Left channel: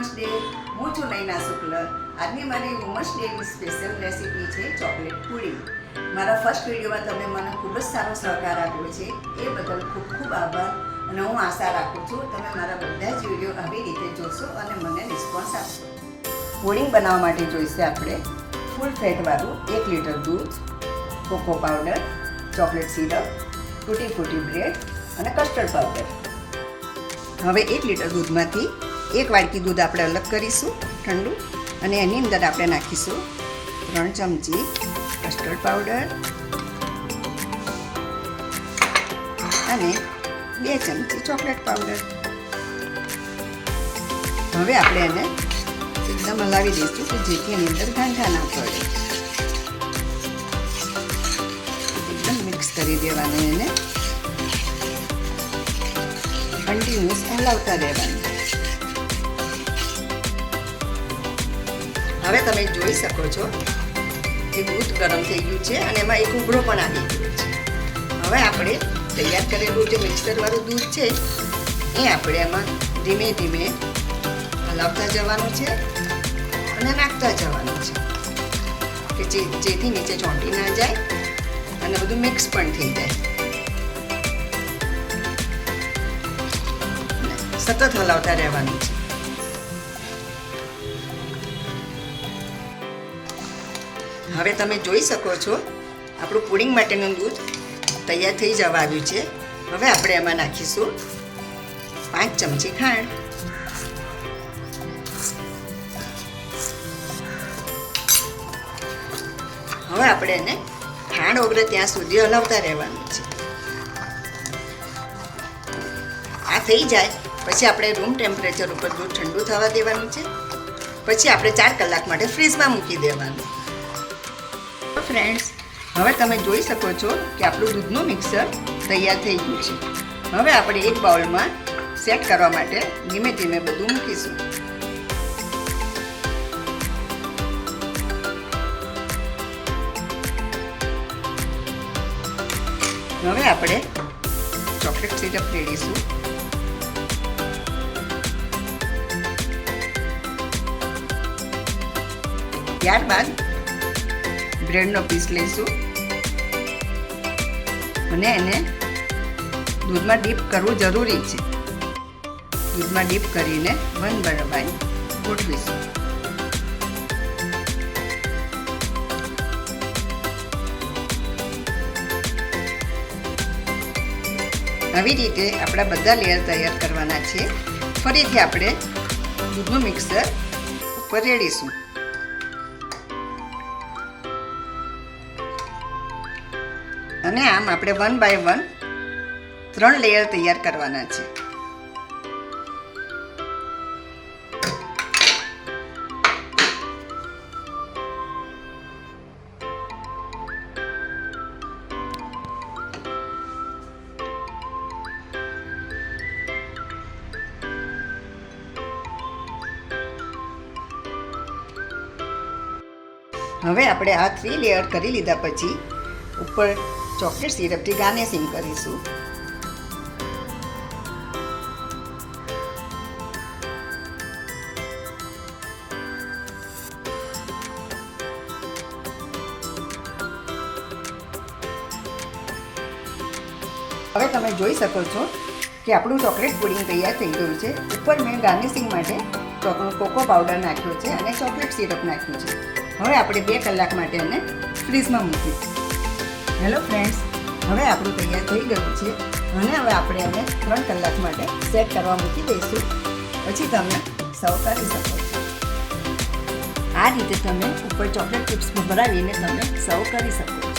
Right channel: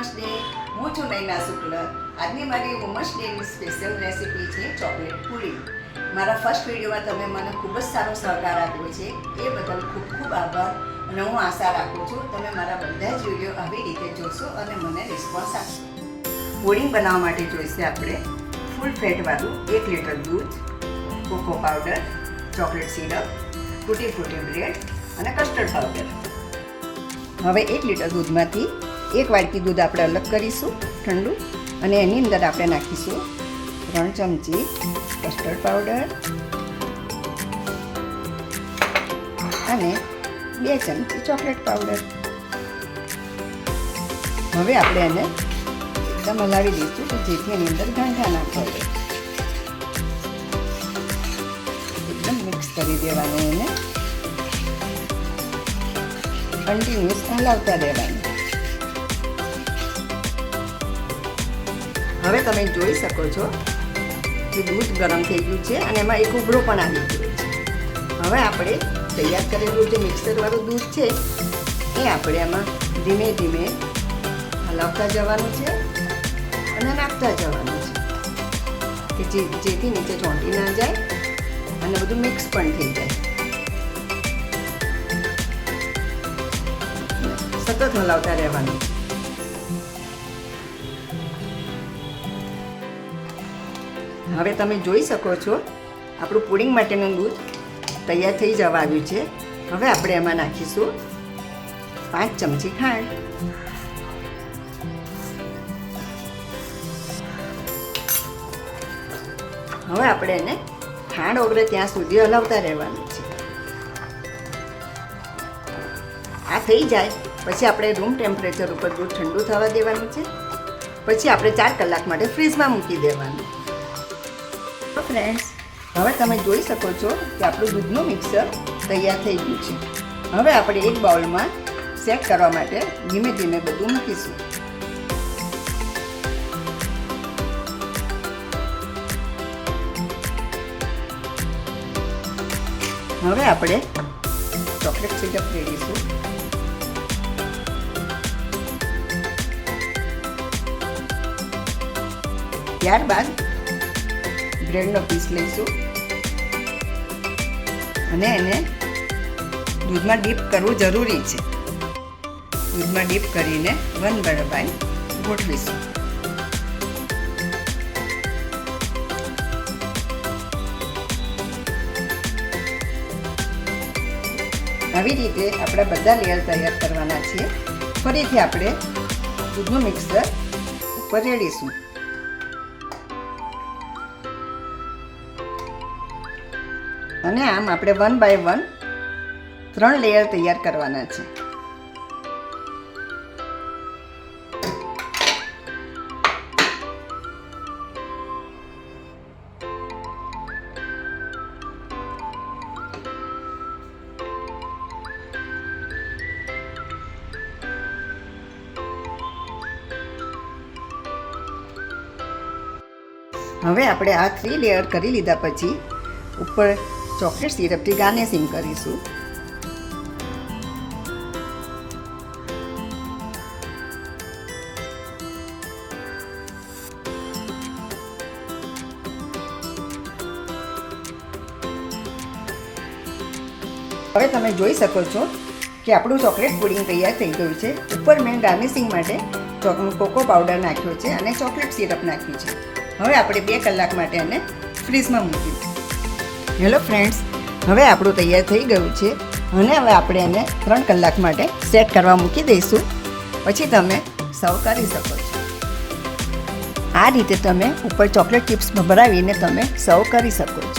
Women's day. હું છું નૈના શુક્લ। આજની મારી વુમન્સ ડેની સ્પેશિયલ રેસીપી છે ચોકલેટ પુડિંગ। મારા ફર્સ્ટ વિડીયોમાં તમે મને ખૂબ જ સારો સહકાર આપ્યો છે, એ બદલ ખૂબ ખૂબ આભાર। અને હું આશા રાખું છું તમે મારા બધા જ વિડીયો આવી રીતે જોશો અને મને રિસ્પોન્સ આપશો। પુડિંગ બનાવવા માટે જોઈશે આપણે ફૂલ ફેટવાળું 1 લીટર દૂધ, કોકો પાવડર, ચોકલેટ સિરપ, તૂટી ફૂટી બ્રેડ અને કસ્ટર્ડ પાવડર। હવે 1 લીટર દૂધમાંથી 1 વાટકી દૂધ આપણે અલગ કરીશું ઠંડુ, અને એની અંદર આપણે નાખીશું 3 ચમચી કસ્ટર્ડ પાવડર અને 2 ચમચી ચોકલેટ પાવડર। હવે આપણે એને એકદમ હલાવી દઈશું કે જેથી એની અંદર ગાંઠા ના પડે। એકદમ મિક્સ કરી દેવાનું, એને કન્ટિન્યુઅસ હલાવતા રહેવાનું। હવે તમે જોઈ શકો છો કે દૂધ ગરમ થઈ ગયું છે અને એમાં એક ઉભરો પણ આવી ગયો છે। હવે આપણે તૈયાર કરેલું જે મિક્સરવાળું દૂધ છે એ આપણે એમાં ધીમે ધીમે હલાવતા જવાનું છે અને નાખતા જવાનું છે કે જેથી નીચે ચોંટી ના જાય અને બધું મિક્સ પણ થઈ જાય। સતત હલાવતા રહેવાનું છે। હવે તમે જોઈ શકો છો આપણું પુડિંગ માટેનું દૂધ તૈયાર થઈ જવા આવ્યું છે। હવે આપણે એમાં નાખીશું 5 ચમચી ખાંડ, હવે આપણે એને ખાંડ ઓગળે ત્યાં સુધી હલાવતા રહેવાનું છે। આ થઈ જાય પછી આપણે રૂમ ટેમ્પરેચર ઉપર દૂધ ઠંડુ થવા દેવાનું છે। પછી આપણે 4 કલાક માટે ફ્રીજમાં મૂકી દેવાનું। તો ફ્રેન્ડ્સ, હવે તમે જોઈ શકો છો કે આપણું દૂધનું મિક્સર તૈયાર થઈ ગયું છે। હવે આપણે એક બાઉલમાં સેટ કરવા માટે ધીમે ધીમે બધું મૂકીશું। હવે આપણે ચોકલેટ સિરપ રેડીશું। ત્યારબાદ બ્રેડનો પીસ લઈશું અને એને દૂધમાં ડીપ કરવું જરૂરી છે। દૂધમાં ડીપ કરીને 1 બાય 1 ગોઠવીશું। આવી રીતે આપણા બધા લેયર તૈયાર કરવાના છે। ફરીથી આપણે દૂધનું મિક્સર ઉપર રેડીશું અને આમ આપણે 1 બાય 1 3 લેયર તૈયાર કરવાના છે। હવે આપણે આ 3 લેયર કરી લીધા પછી ઉપર ચોકલેટ સિરપથી ગાર્નિશિંગ કરીશું। હવે તમે જોઈ શકો છો કે આપણું ચોકલેટ પુડિંગ તૈયાર થઈ ગયું છે। ઉપર મેં ગાર્નિશિંગ માટે કોકો પાવડર નાખ્યો છે અને ચોકલેટ સિરપ નાખ્યું છે। હવે આપણે 2 કલાક માટે એને ફ્રીજમાં મૂકીશું। હેલો ફ્રેન્ડ્સ, હવે આપણું તૈયાર થઈ ગયું છે અને હવે આપણે એને 3 કલાક માટે સેટ કરવા મૂકી દઈશું। પછી તમે સર્વ કરી શકો છો। આ રીતે તમે ઉપર ચોકલેટ ચિપ્સ ભભરાવીને તમે સર્વ કરી શકો છો।